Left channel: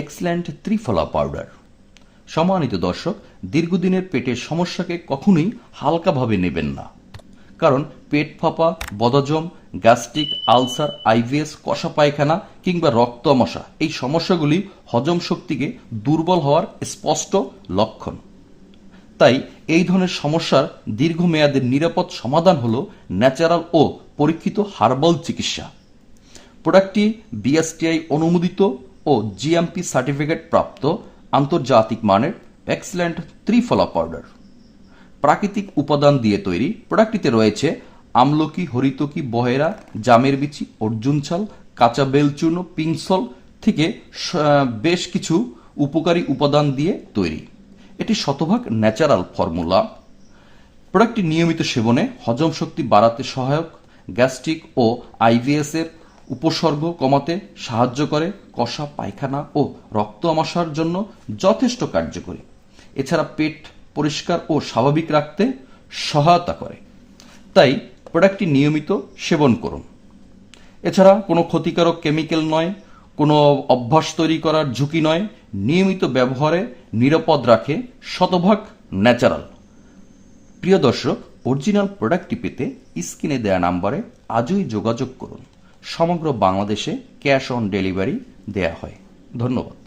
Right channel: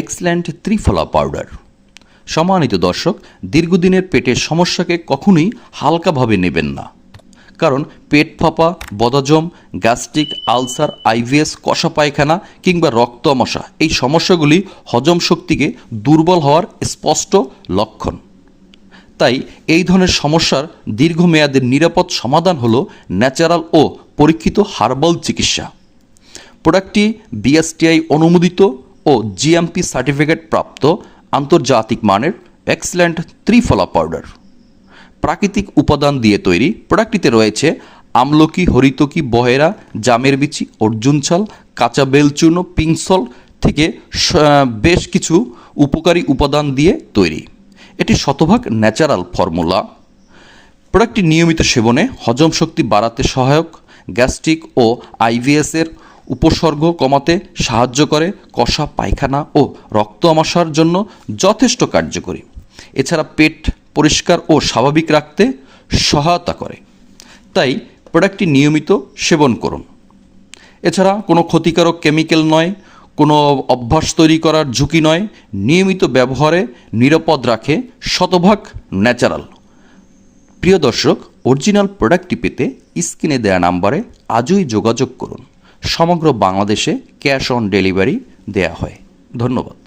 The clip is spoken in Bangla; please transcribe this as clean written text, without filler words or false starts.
এক্সেলেন্ট ত্রিফলা পাউডার। সম্মানিত দর্শক, দীর্ঘদিনের পেটের সমস্যাকে কখনোই হালকাভাবে নেবেন না। কারণ পেট ফাঁপা, বদহজম, গ্যাস্ট্রিক, আলসার, আইবিএস, কষা পায়খানা কিংবা রক্ত আমাশা এই সমস্যাগুলি হজম শক্তিকে দুর্বল হওয়ার স্পষ্ট লক্ষণ। তাই এই ধরনের সমস্যার দীর্ঘমেয়াদের নিরাপদ সমাধান হলো ন্যাচারাল ও পরীক্ষিত হার্বাল চিকিৎসা। প্রোডাক্টটি বিএসটিআই অনুমোদিত ও জিএমপি সার্টিফিকেট প্রাপ্ত আন্তর্জাতিক মানের এক্সেলেন্ট ত্রিফলা পাউডার। প্রাকৃতিক উপাদান দিয়ে তৈরি প্রোডাক্টটিতে রয়েছে আমলকি, হরিতকি, বহেরা, জামের বিচি, অর্জুন ছাল, কাঁচা বেলচূর্ণ, পিংসল থেকে বেশ কিছু উপকারী উপাদান দিয়ে তৈরি। এটি শতভাগ ন্যাচারাল ফর্মুলা। প্রোডাক্টটি নিয়মিত সেবনে হজম শক্তি বাড়াতে সহায়ক, গ্যাস্ট্রিক ও আইবিএসের উপসর্গ কমাতে সাহায্য করে, কষা পায়খানা ও রক্ত আমাশার জন্য যথেষ্ট কার্যকরী। এছাড়া পেট পরিষ্কার ও স্বাভাবিক রাখতে সহায়তা করে। তাই প্রোডাক্টটি নিয়মিত সেবন করুন। এছাড়া কোনো ক্ষতিকারক কেমিক্যাল নয়, কোনো অভ্যাস তৈরি করার ঝুঁকি নয়, নিয়মিত ব্যবহারে নিরাপদ রাখে, শতভাগ ন্যাচারাল। প্রিয় দর্শক, অরিজিনাল প্রোডাক্টটি পেতে স্ক্রিনে দেওয়া নাম্বারে আজই যোগাযোগ করুন। সমগ্র বাংলাদেশে ক্যাশ অন ডেলিভারি দেয়া হয়। ধন্যবাদ।